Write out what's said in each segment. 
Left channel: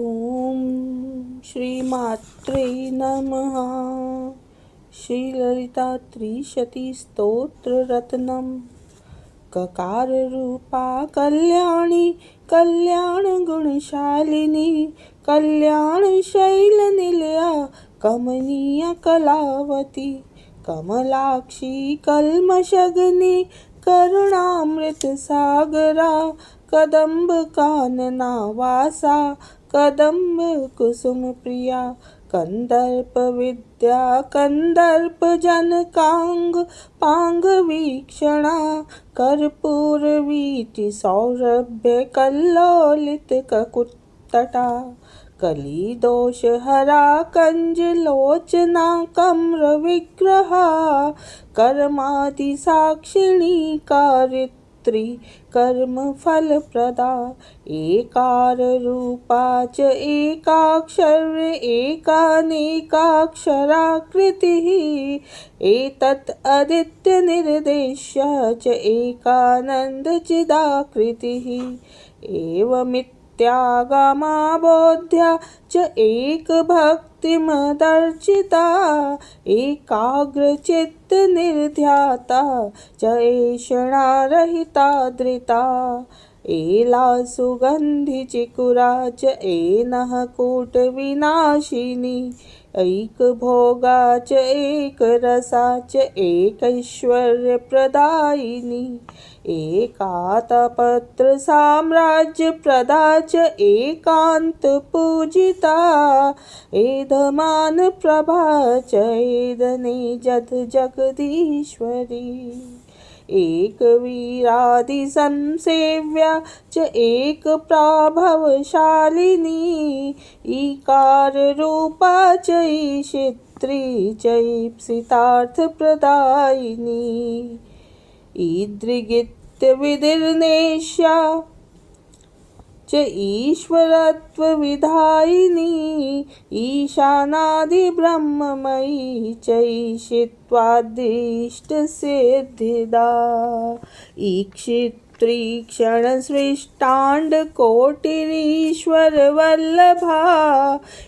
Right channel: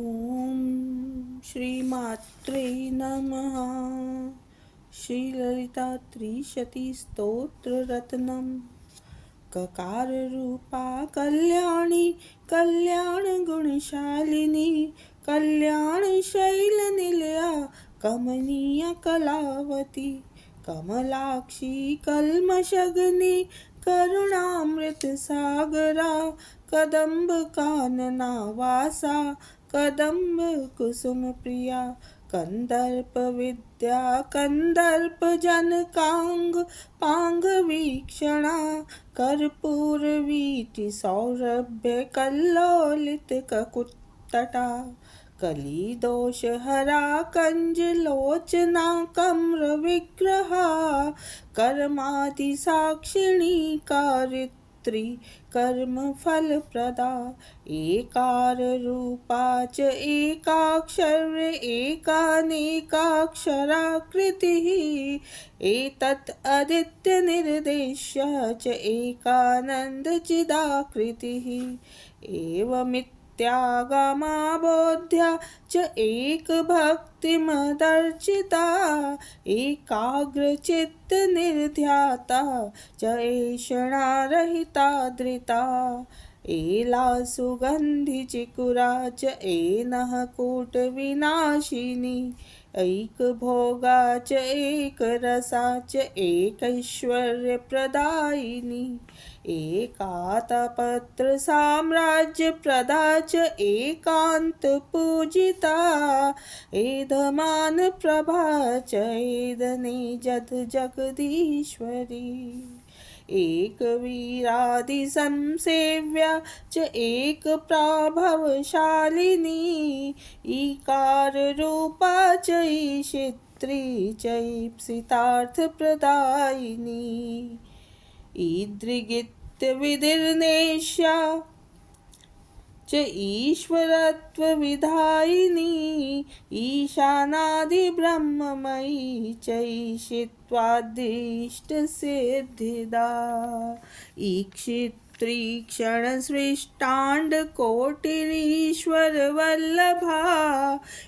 ओम श्रीमात्रे नमः। श्रीललिता त्रिशती स्तोत्ररत्नम्। ककार रूपा कल्याणी कल्याण गुणशालिनी कल्याण शैल निलया कमनीय कलावती कमलाक्षी कल्मषग्नि करुणामृत सागरा कदम्ब कानना वासा कदम्ब कुसुम प्रिया कंदर्प विद्या कंदर्प जनकांग पांग वीक्षणा कर्पूर वीति सौरभ्य कल्लोलित ककुत्तटा कली दोष हरा कंज लोचना कम्र विग्रहा कर्मादि साक्षिणी कारित्री कर्म फल प्रदा एकार रूपा च एकाक्षर एकानेकाक्षराकृतिः एतत् अदित्य निर्देश्य च एकानंद चिदाकृतिः एवमित्यागमाबोध्य च एक भक्तिमदर्चिता एकाग्रचित्त निर्ध्याता च ऐषणा रहिता धृता एला सुगंधि चिकुरा च एनः कूट विनाशिनी ऐक भोगा च एक रसा च एकैश्वर्य प्रदायिनी एकातपत्र साम्राज्य प्रदा च एकांत पूजिता एधमान प्रभा च एदने जद जगदीश्वरी एक वीरादि संसेव्या च एक प्रभावशालिनी ईकार रूपा च ईशित्री च ईप्सितार्थ प्रदायिनी ईदृगित्य विधिर्नेष्या च ईश्वरत्व विधायिनी ईशानादि ब्रह्ममयी च ईशित्वादिष्ट सिद्धिदा ईक्षित्री क्षण सृष्टांड कोटिरीश्वर वल्लभा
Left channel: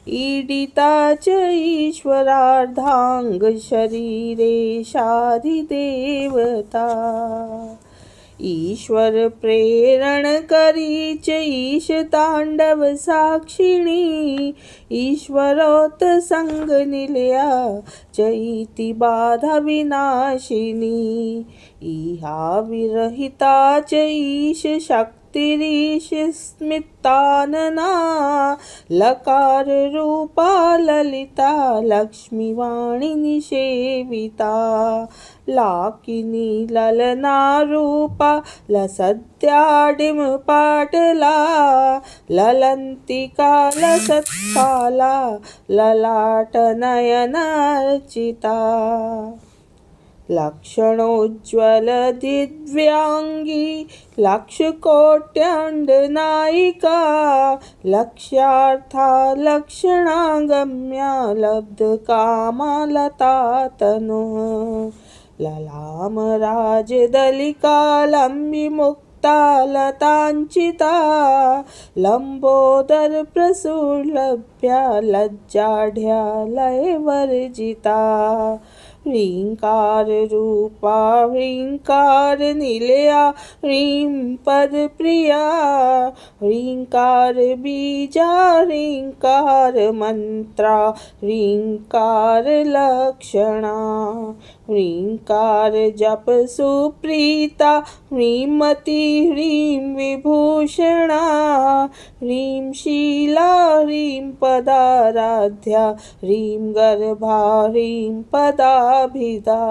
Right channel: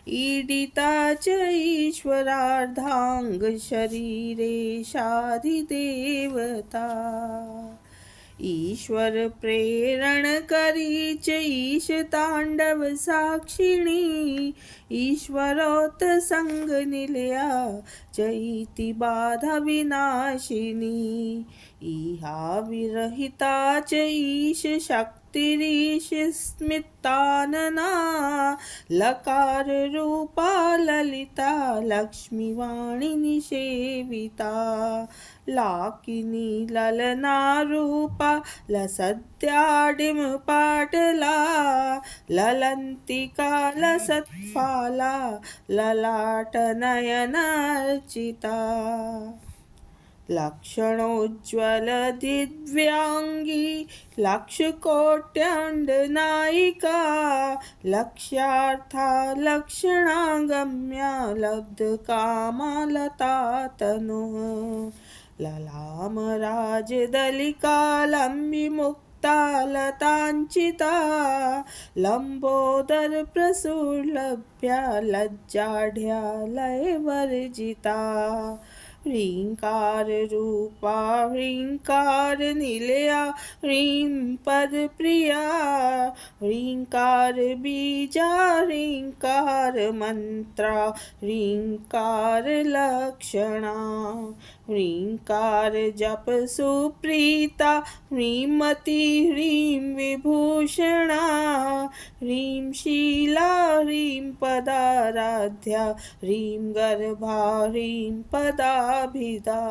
ईडिता च ईश्वरार्धांग शरीरेशाधिदेवता ईश्वर प्रेरण करी च ईश तांडव साक्षिणी ईश्वरोत संग निलया च इति बाधा विनाशिनी इहा विरहिता च ईश शक्तिरीश स्मितानना लकार रूपा ललिता लक्ष्मीवाणी निषेविता लाकिनी ललना रूपा लसद्याडिम पाटला ललंतिका लसत्काला ललाट नयनार्चिता लक्षणोज्ज्वल दिव्यांगी लक्षकोट्यंडनायिका लक्ष्यार्था लक्षणागम्या लब्ध कामालता तनुः ललाम राजदलिका लंबिमुक्ता लतांचिता लंबोदर प्रसुरलभ्या लज्जाढ्या लयवर्जिता ह्रींकार रूपा ह्रींकार निलया ह्रीं पद प्रिया ह्रींकार बीजा ह्रींकार मंत्रा ह्रींकार लक्षणा ह्रींकार जप सुप्रीता ह्रीमती ह्रीं विभूषणा ह्रीं शीला ह्रीं पदाराध्या ह्रीं गर्भा ह्रीं पदाभिधा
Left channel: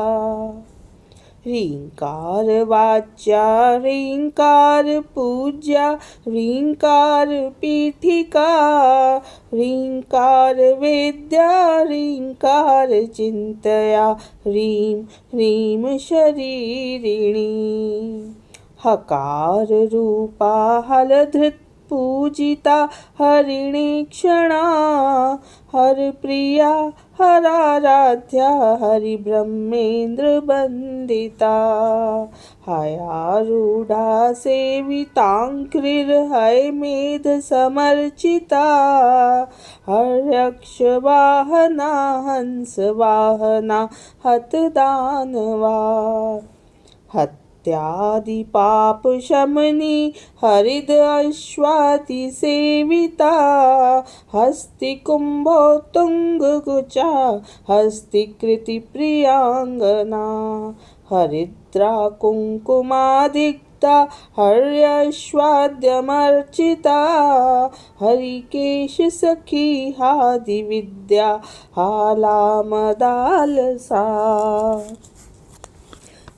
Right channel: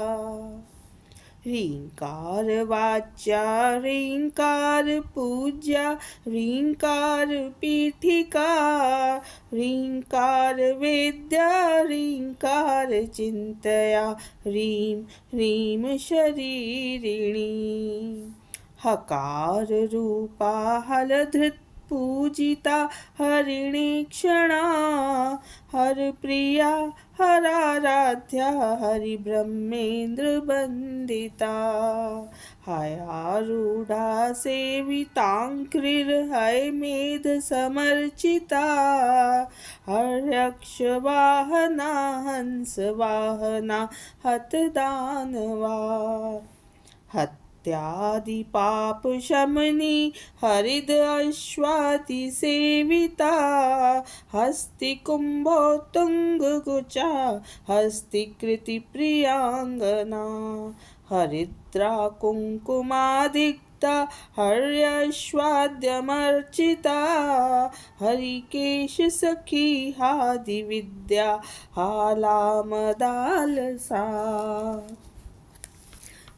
ह्रींकार वाच्या ह्रींकार पूज्या ह्रींकार पीठिका ह्रींकार वेद्या ह्रींकार चिंतया ह्रीं ह्रीं शरीरिणी हकार रूपा हलधृत पूजिता हरिणीक्षणा हरप्रिया हराराध्या हरिब्रह्मेन्द्र वन्दिता हयारूढा सेविताङ्घ्रिर्हयमेध समर्चिता हर्यक्षवाहना हंसवाहना हतदानवा हत्यादिपापशमनी हरिद अश्वाति सेविता हस्तिकुम्भोत्तुङ्गकुचा हस्तिकृतिप्रियाङ्गना हरिद्रा कुङ्कुमादिक्ता हर्यश्वाद्यमर्चिता हरिकेशसखी हादिविद्या हालामदालसा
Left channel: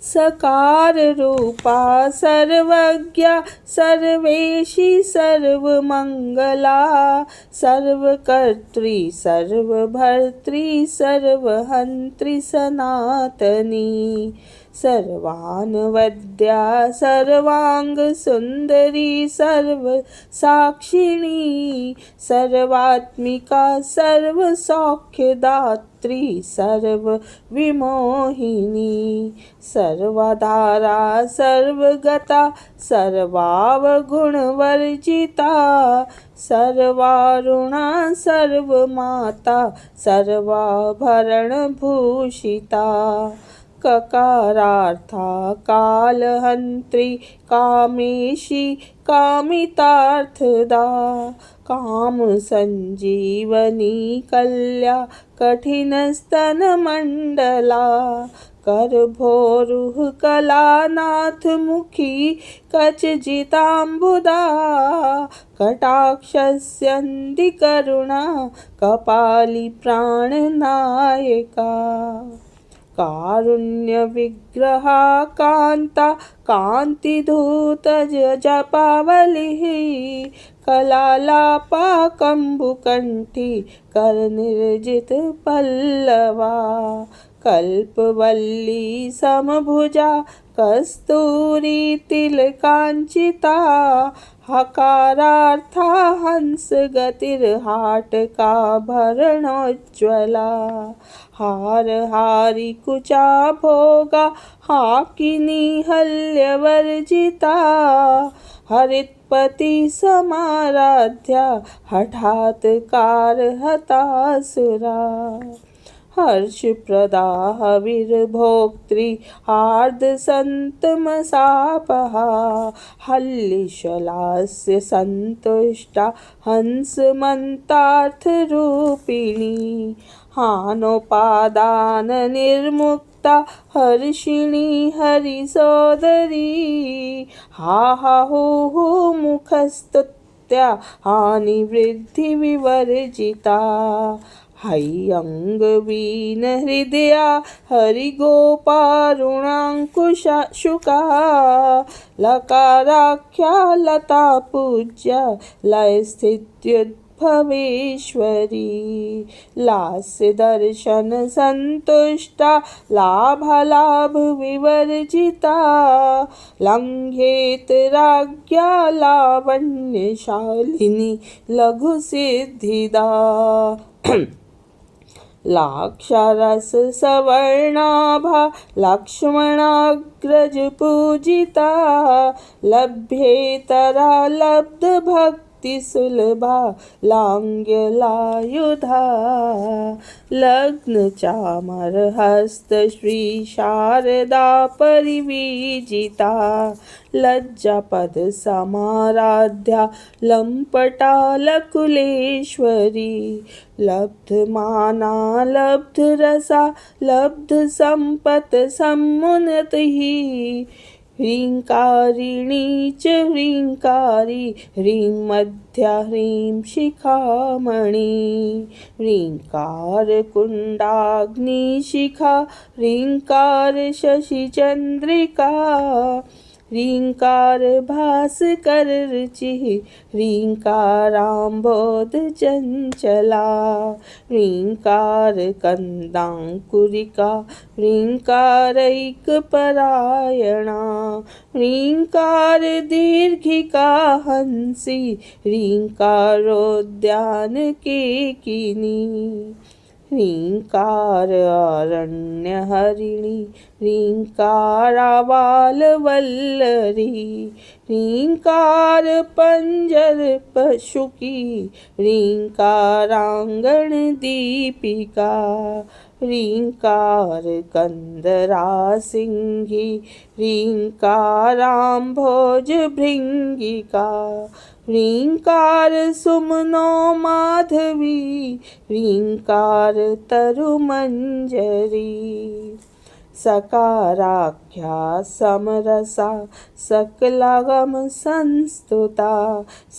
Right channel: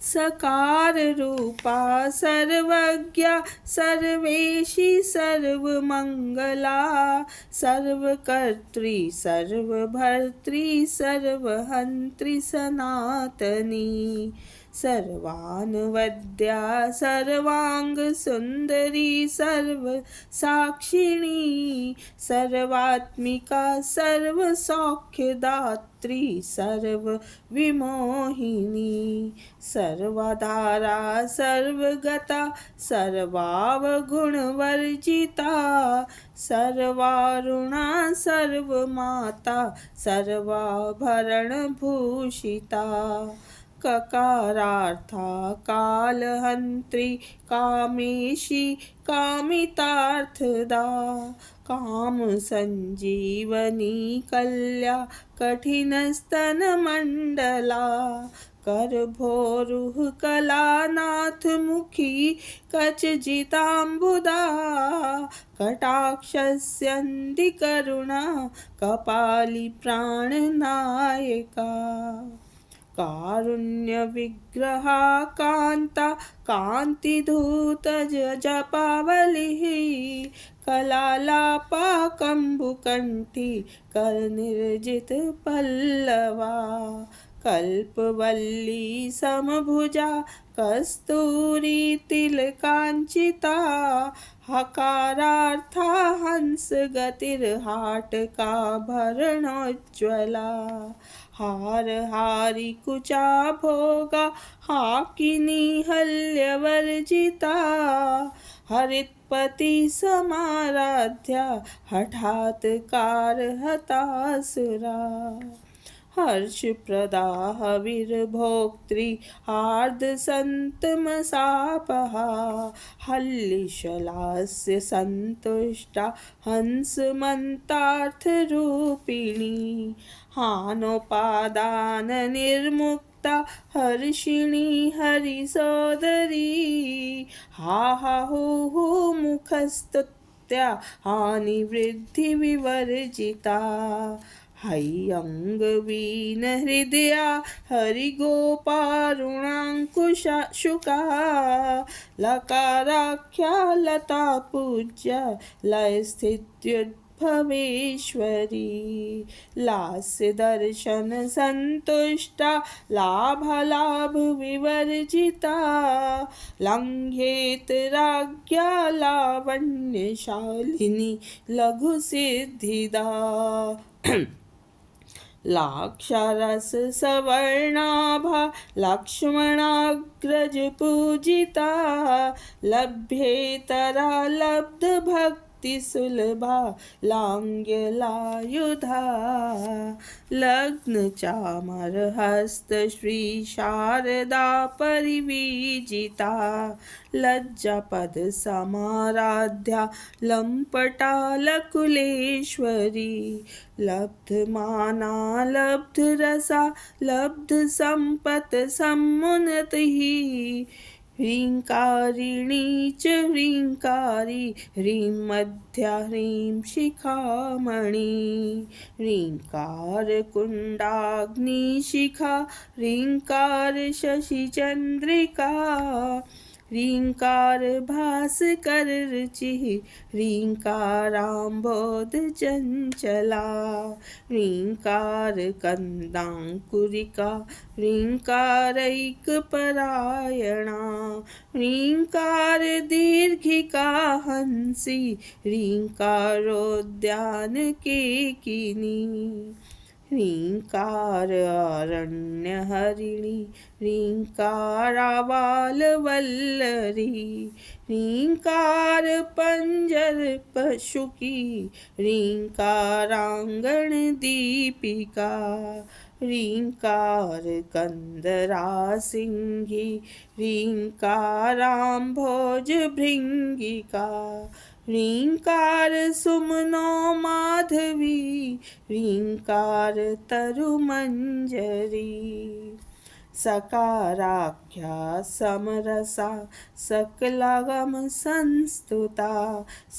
सकार रूपा सर्वज्ञा सर्वेशी सर्वमंगला सर्वकर्त्री सर्वभर्त्री सर्वहंत्री सनातनी सर्वानवद्या सर्वांग सुंदरी सर्व साक्षिणी सर्वात्मिका सर्व सौख्यदात्री सर्व विमोहिनी सर्वधारा सर्वगता सर्वावगुणवर्जिता सर्वारुणा सर्वमाता सर्वाभरणभूषिता ककारार्था कालहन्त्री कामेशी कामितार्थदा काम संजीवनी कल्या कठिनस्तनमण्डला करभोरुह कलानाथ मुखी कचजिताम्बुदा कटाक्षस्यन्ति करुणा कपाली प्राणनायका कारुण्य विग्रहा कांता कांतिधूत जपावलिः कलालापा कंबुकंठी करनिर्जित पल्लवा कल्पवल्ली समभुजा कस्तूरी तिलकांचिता हकारार्था हंस गतिर्हाटका भरणोज्ज्वला हारहारी कुचा भोगा हाकिनी हल्यवर्जिता हरित्पति समाराध्या हठात् कारहतासुरा हर्षप्रदा हविर्भोक्त्री आर्द्रसन्तमसापहा हल्लिशलास्य सन्तुष्टा हंसमन्तार्थरूपिणी हानोपादान निर्मुक्ता हर्षिणी हरिसोदरी हा हा हु मुखस्तुत्या हानिवृद्धि विवर्जिता हय्यङ्गवीन हृदया हरिगोपारुणाङ्कुशा शुका लकाराख्या लता पूज्या लयस्थित्युद्भवेश्वरी लास्य दर्शन संतुष्टा लाभालाभ विवर्जिता लङ्घेत राज्ञा लावण्यशालिनी लघुसिद्धिदा लाक्षारस सवर्णाभा लक्ष्मणाग्रज पूजिता लभ्येतरा लब्ध भक्ति सुलभा लांग्यलायुधा लग्न चामर हस्त श्री शारदा परिवीजिता लज्जापद समाराध्या लंपटा लकुलेश्वरी लब्धमाना लब्धरसा लब्ध संपत समुन्नतिः ह्रींकारिणी च ह्रींकारी ह्रीं मध्या ह्रीं शिखामणि ह्रींकार कुंडाग्निशिखा ह्रींकार शशिचंद्रिका ह्रीङ्कार भास्कर रुचिः ह्रीङ्काराम्बोध चञ्चला ह्रीङ्कार कन्दाङ्कुरिका ह्रीङ्कारैकपरायणा ह्रीङ्कार दीर्घिका हंसी ह्रीङ्कारोद्यानकेकिनी ह्रीङ्कार अरण्यहरिणी ह्रीङ्कारावालवल्लरी ह्रीङ्कार पञ्जरपशुकी ह्रीङ्काराङ्गणदीपिका ह्रीङ्कार कन्दरासिंही ह्रीङ्काराम्भोजभृङ्गिका ह्रीङ्कार सुमनो माधवी ह्रीङ्कार तरुमञ्जरी सकाराख्या समरसा सकलागम संस्तुता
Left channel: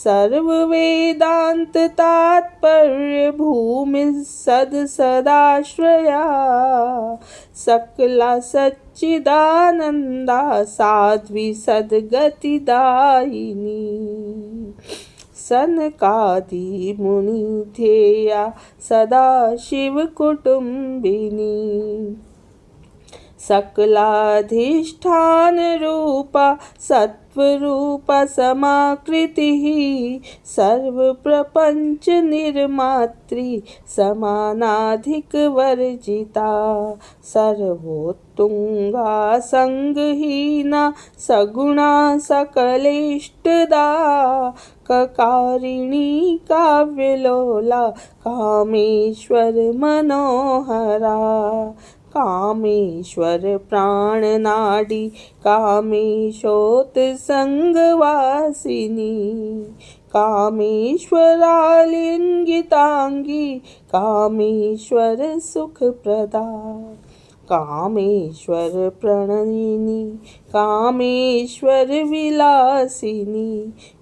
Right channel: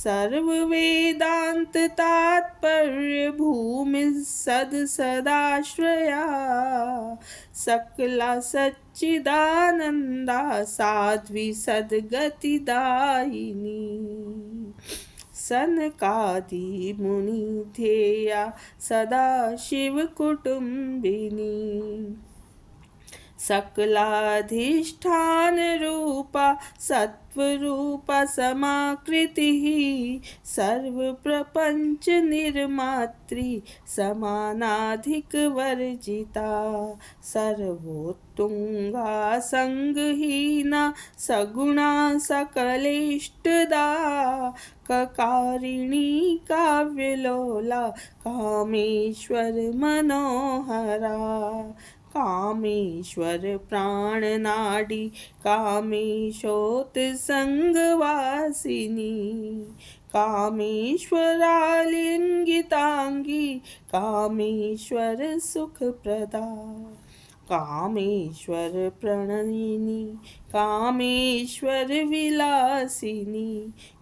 सर्ववेदान्ततात्पर्य भूमि सदाश्रया सकला सच्चिदानन्दा साध्वी सद्गतिदायिनी सनकादि मुनिध्येया सदा शिवकुटुम्बिनी सकलाधिष्ठान रूपा सत्वरूपा समाकृतिः सर्वप्रपंच निर्मात्री समानाधिकवर्जिता सर्वोत्तुंगा संगहीना सगुणा सकलेष्टदा ककारिणी काव्यलोला कामेश्वर मनोहरा कामेश्वर प्राणनाडी कामेशोत्संगवासिनी कामेश्वरालिंगितांगी कामेश्वर सुखप्रदा कामेश्वर प्रणयिनी कामेश्वर विलासिनी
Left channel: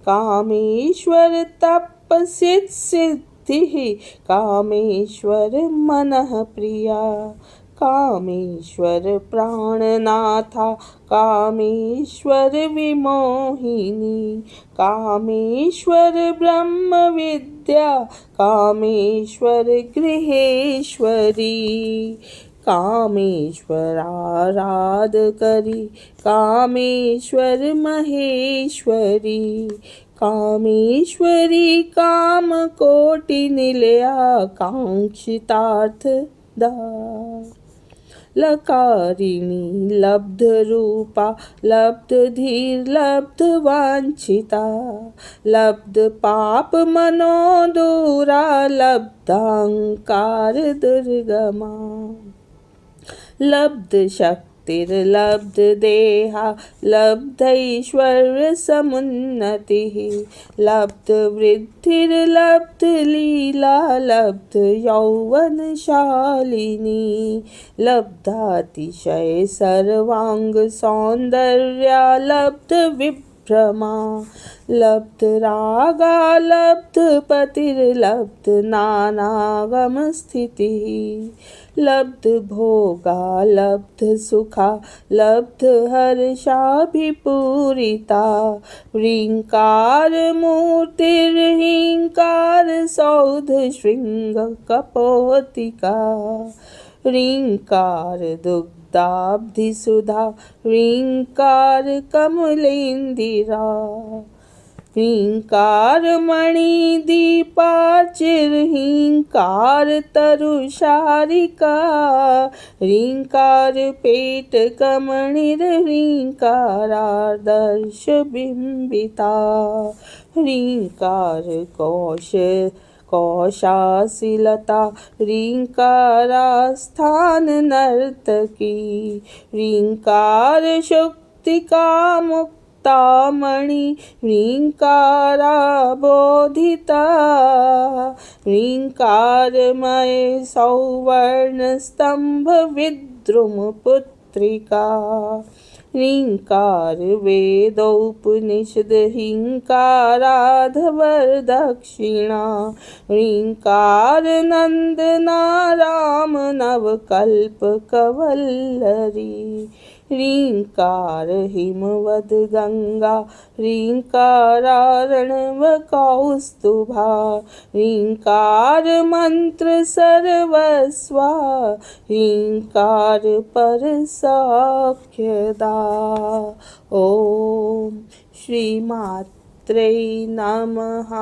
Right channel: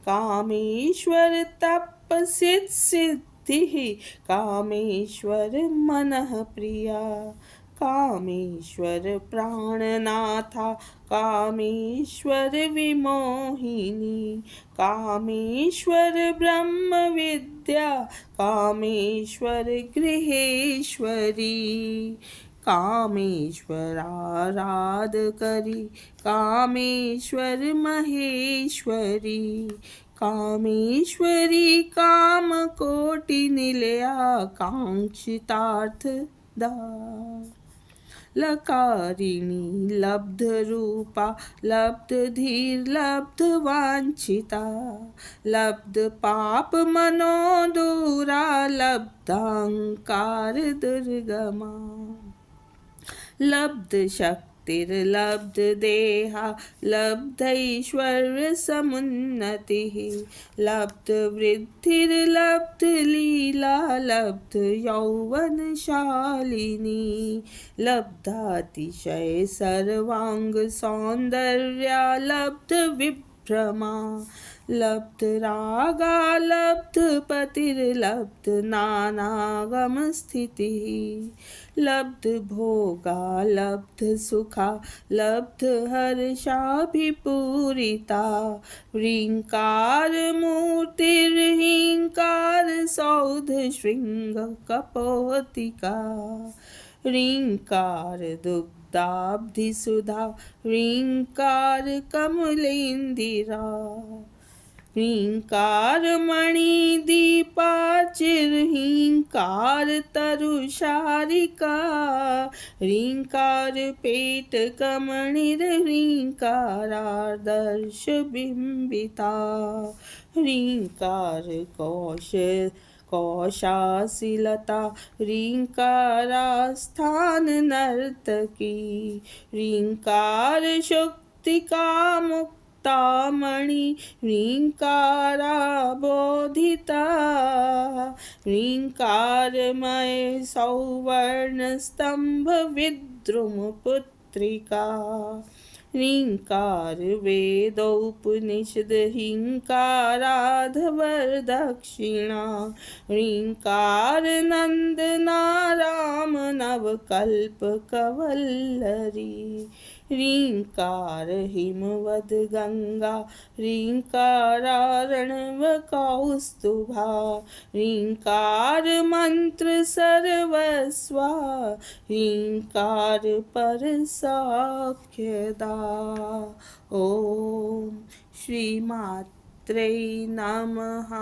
कामेश्वर तपस्सिद्धिः कामेश्वर मनः प्रिया कामेश्वर प्राणनाथा कामेश्वर विमोहिनी कामेश्वर ब्रह्म विद्या कामेश्वर गृहेश्वरी कामेश्वराराधकरी कामेश्वर महेश्वरी कामेश्वरी कामकोटिनिलया काङ्क्षितार्थदा लकारिणी लब्धरूपा लब्धधीर्लब्धवाञ्छिता लब्धपापमनोदूरा लब्धाङ्कार दुर्गमा लब्धशक्तिर्लब्धदेहा लब्धैश्वर्यसमुन्नतिः लब्धवृद्धिर्लब्धलीला लब्धयौवनशालिनी लब्धातिशय सर्वाङ्गसौन्दर्या लब्धविभ्रमा लब्धरागा लब्धपतिर्लब्धनानागमस्थितिः लब्धभोगा लब्धसुखा लब्धहर्षाभिपूरिता ह्रीङ्कारमूर्तिर्ह्रीङ्कारसौधशृङ्गकपोतिका ह्रीङ्कार दुग्धाब्धिसुधा ह्रीङ्कार कमलेन्दिरा ह्रीङ्कार मणिदीपार्चिर्ह्रीङ्कार तरुशारिका ह्रीङ्कार पेटकमणिर्ह्रीङ्कारादर्शबिम्बिता ह्रीङ्कार कौशासिलता ह्रीङ्कारास्थाननर्तकी ह्रीङ्कार शुक्तिकामुक्तामणि ह्रीङ्काराबोधिता ह्रीङ्कारमय सौवर्णस्तम्भविद्रुमपुत्रिका ह्रीङ्कार वेदोपनिषद ह्रीङ्काराधवरदक्षिणा ह्रीङ्कार नन्दना राम नवकल्पकवल्लरी ह्रीङ्कार हिमवद् गङ्गा ह्रीङ्कारार्णव कौस्तुभा ह्रीङ्कार मन्त्र सर्वस्वा ह्रीङ्कार परसौख्यदा। ॐ श्रीमात्रे नमः।